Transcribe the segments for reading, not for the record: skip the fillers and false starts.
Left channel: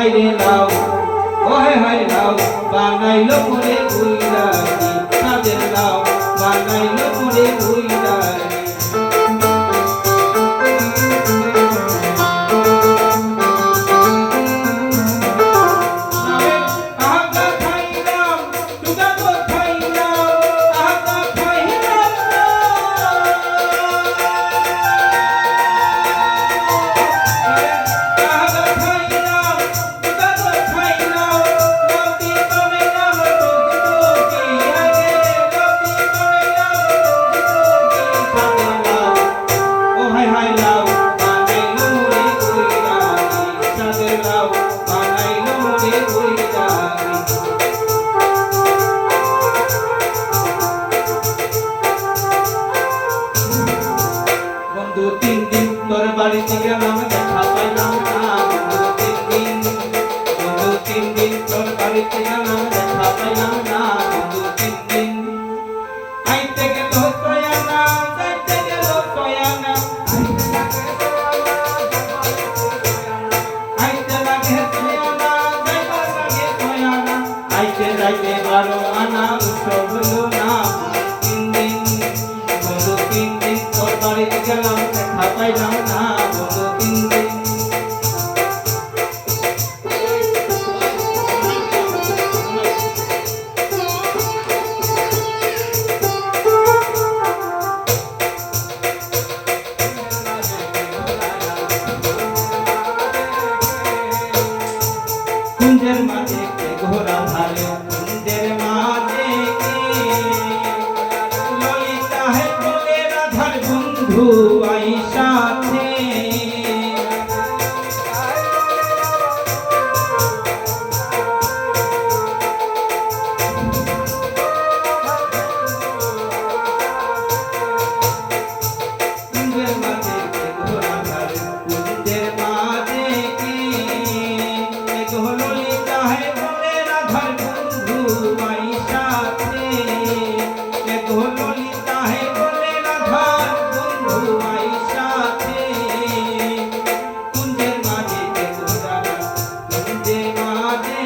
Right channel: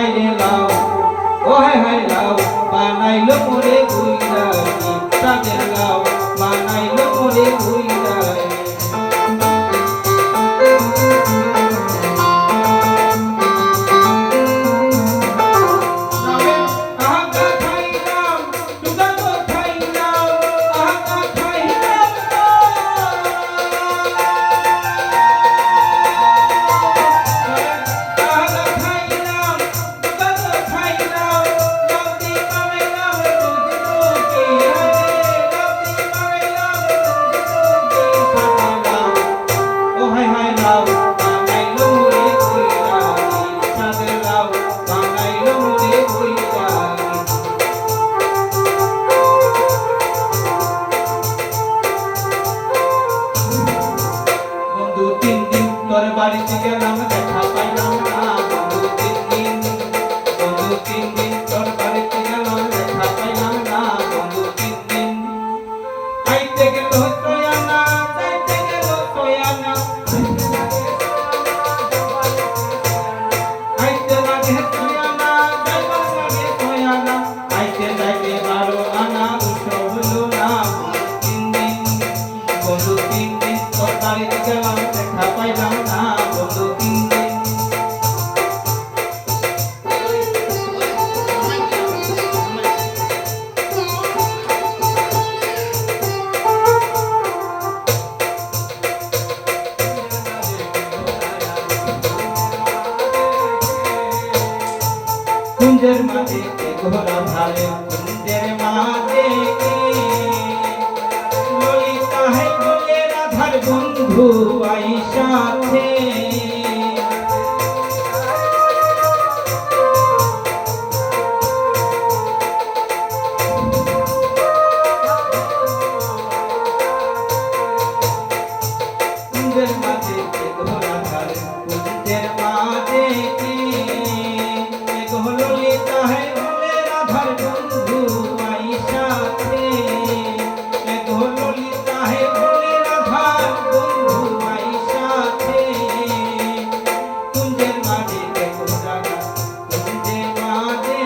হায় রে লাউ ও হায় হায় লাউ বানাইলো মোরে বুইরা সাদের লাউ বানাইলো মোরে বুইরা বাড়িতে গেলাম দেখা পাইলাম না বন্ধু 3 দিন তোর বাড়িতে গেলাম দেখা পাইলাম না বন্ধু 3 দিন আইতে গেল সয়ানা যাইতে গেল সয়ানা আইতে লাগে সয়ানা যাইবার লাগে সয়ানা আইতে যাইতে 12 আনা উৎসব হলো না 3 দিন বন্ধু 3 দিন তোর বাড়িতে গেলাম দেখা পাইলাম না বন্ধু 3 দিন কুঞ্জের মাঝে ঘোরা ধারে কুঞ্জের মাঝে ললিতা হে বলে রাধার বন্ধু আই সাথে কুঞ্জের মাঝে ঘোরা ধারে কুঞ্জের মাঝে ললিতা হে বলে রাধার বন্ধু আই সাথে ললিতা হে বলে রাধার বন্ধু আই সাথে কুঞ্জের মাঝে ঘোরা কুঞ্জের মাঝে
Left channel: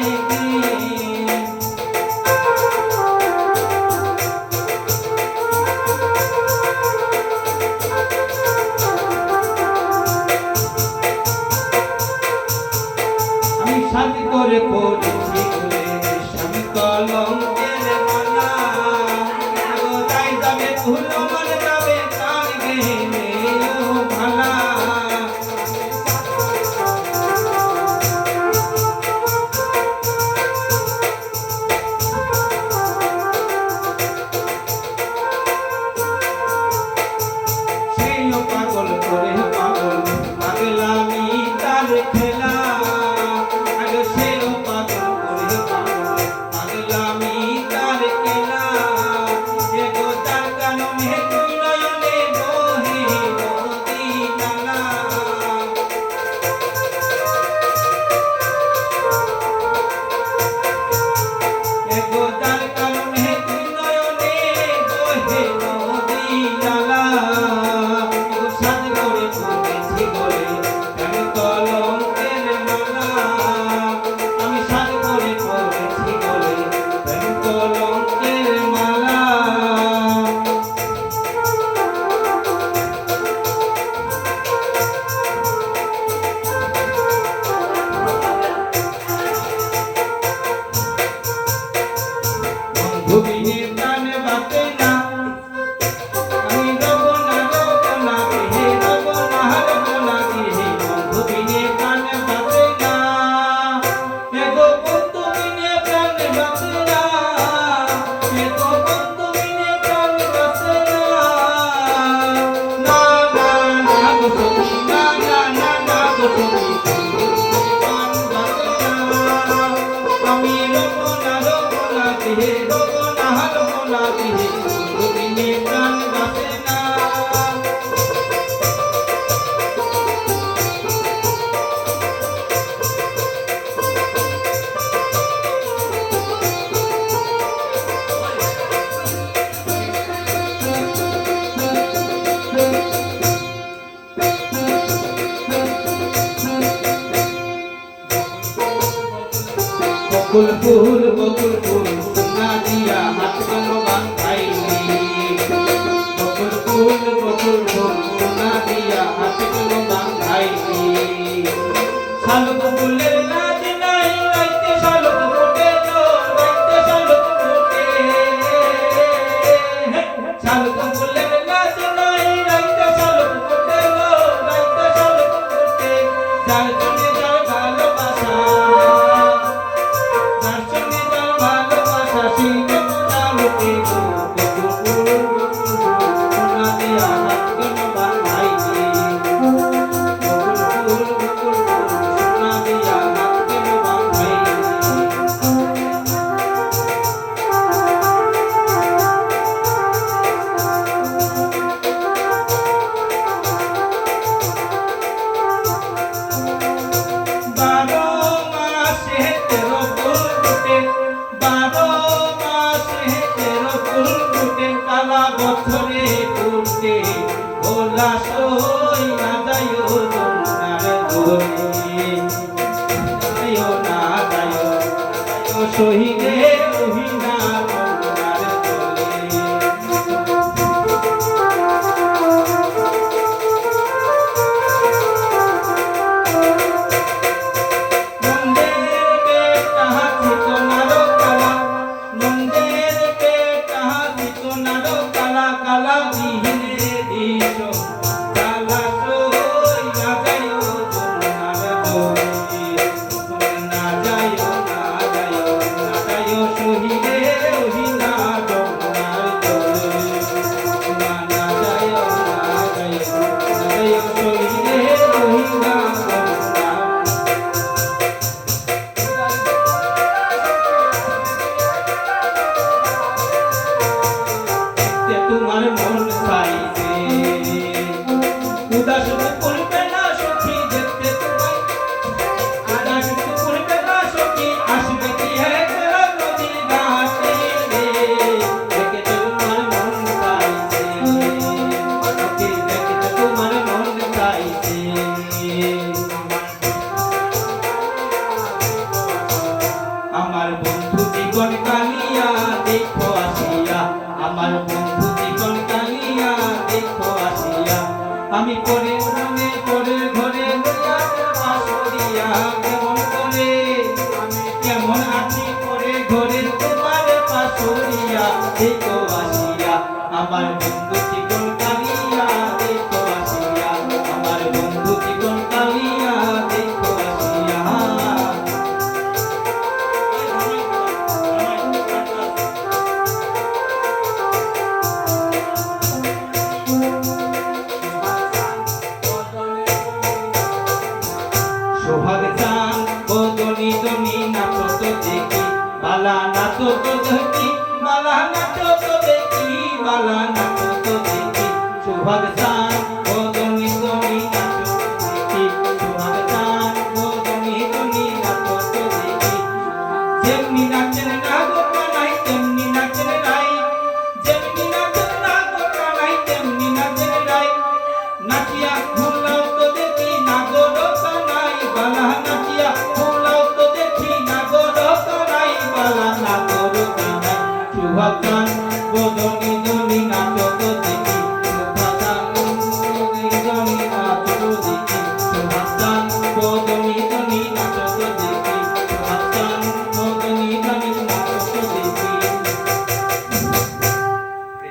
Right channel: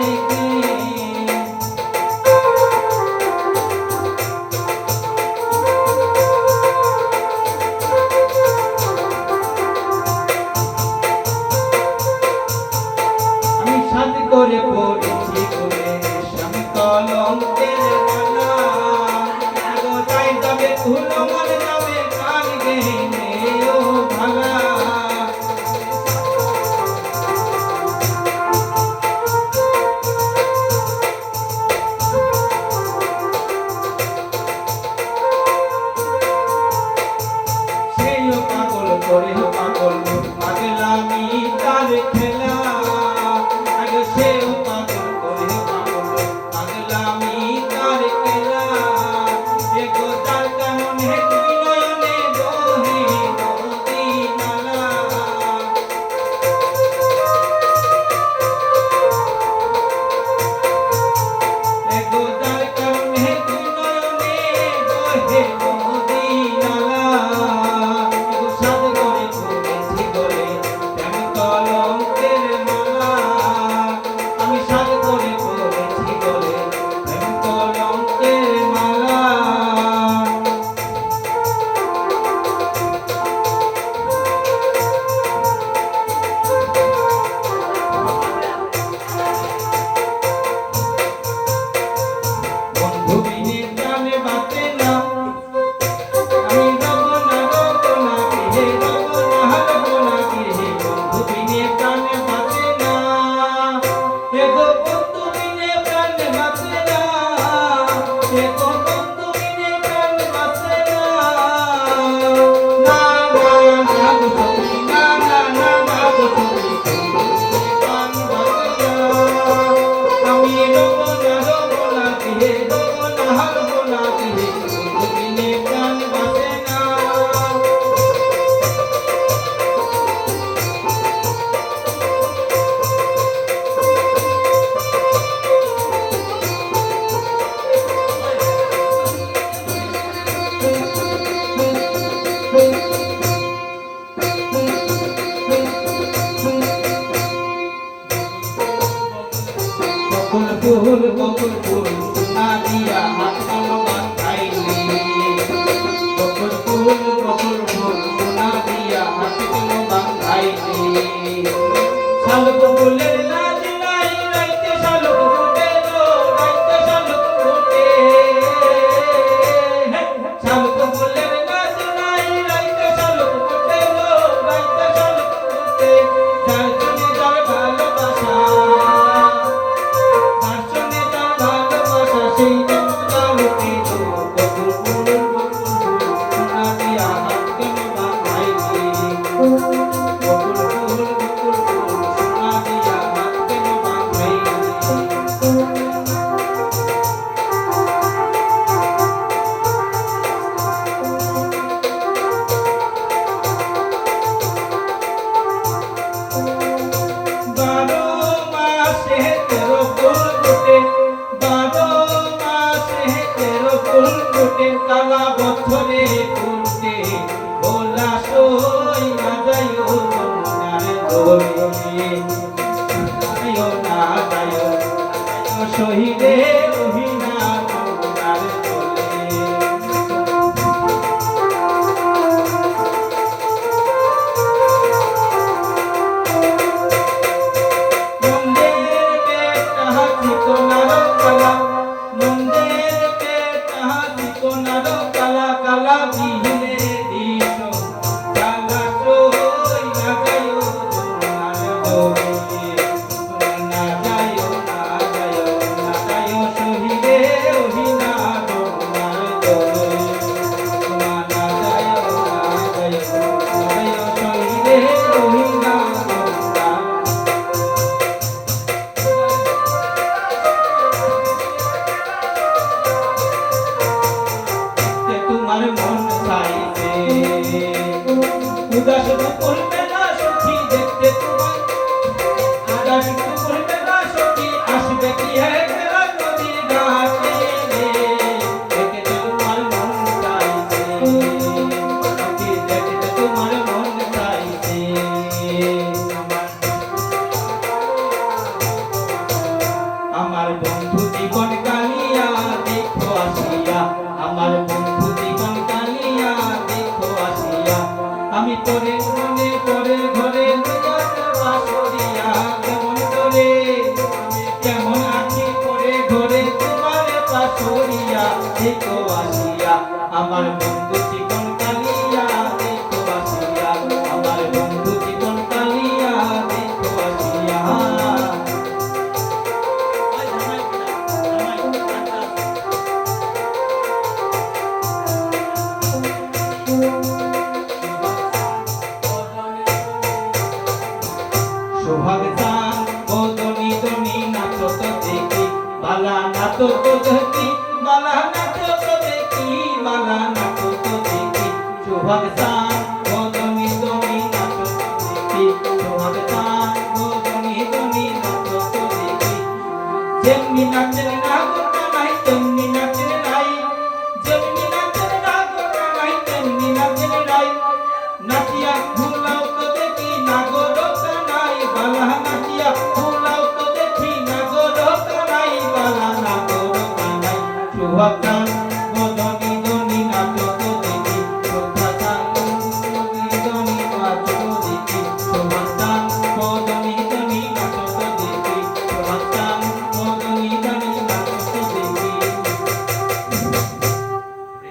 সাথে করে পড়েছি করে স্বামী কলঙ্কের মালা গোটাই যাবে ভুলো মন যাবে কান গেলে ও ভালা সেইও পাগল করে পাগল পাগলামি তার খেলা ভুবিনী প্রাণ বাঁচে না আমি রব না হে রব না হে ভুবিনী প্রাণ বাঁচে না হে গো বন্ধু বিনে প্রাণ বাঁচে না হে গো বন্ধু বিনে প্রাণ বাঁচে না না না না গো সখী না না না না গো সখী প্রাণ বাঁচে না আমি রব না হে রব না হে ভুবিনী প্রাণ বাঁচে না বকুল ফুল সোনা দিয়া হাত কেন বাঁধাইলি বকুল ফুল সোনা দিয়া হাত কেন বাঁধাইলি শালুক ফুলের লাজ নাই রাইতে শালুক ফোটে রাইতে শালুক ফোটে শালুক ফুলের লাজ নাই রাইতে শালুক ফোটে রাইতে শালুক ফোটে যার জন্য যার ভালোবাসা সেই জানতে গো বকুল ফুল সোনা দিয়া হাত কেন বাঁধাইলি বকুল ফুল সোনা দিয়া হাত কেন বাঁধাইলি বারো মাসে তেরো ফুল ফোটে বারো ফুল ফুটে কালা বছরে ফুটে ভোলা সই না যাইও যমুনার দোলে যাইও না যাইও শহীদে মহিনা যমুনার দোলে মন্দির বেটা ঠিকানার কালা মন্দির কালা কালা বিহীনে দিশ কালা সই না যাইও যমুনার দোলে না যাইও না যাইও না যাইও শহীদে মহিনা যমুনার দোলে না যাইও না যাইও না যাইও শহীদে মহিনা যমুনার তোমার মন চাইবে উদাস করবে না সখী দেখতে তোমায় উদাস করবে না সখী আসবে কি নদীর ঘাটে দেখে তোমার মন চাইবে দেখে তোমার মন চাইবে আমার বন্ধু জীবন কালিয়া দেখো আসিয়া আমার বন্ধু জীবন কালিয়া দেখো আসিয়া আমি পরে মনে পরের ঘরে বাসরিয়া কেমন করে আমি কেমন আছি পরে ঘরে তোমার বাসরিয়া দেখো আসিয়া আমার বন্ধু জীবন কালিয়া দেখো আসিয়া আমার বন্ধু জীবন কালিয়া দেখো আসিয়া সোহাগ চান বদনি দনি নাচো তো দেখি বালা নাচো তো দেখি বালা নাচো তো দেখি বালা নাচো তো দেখি সোহাগ চান বদনি দনি নাচো তো দেখি সোহাগ চান বদনি দনি নাচো তো দেখি যেমনি নাচেন না গোটা নাই তেমনি নাচেন নাই যেমনি নাচেন না গোটা নাই তেমনি নাচেন নাই নাচিয়া ভুলাও তো দেখি না গোরো কানাই বালা নাচিয়া ভুলাও তো দেখি না গোরো কানাই বালা না গোরো কানাই সুভাগ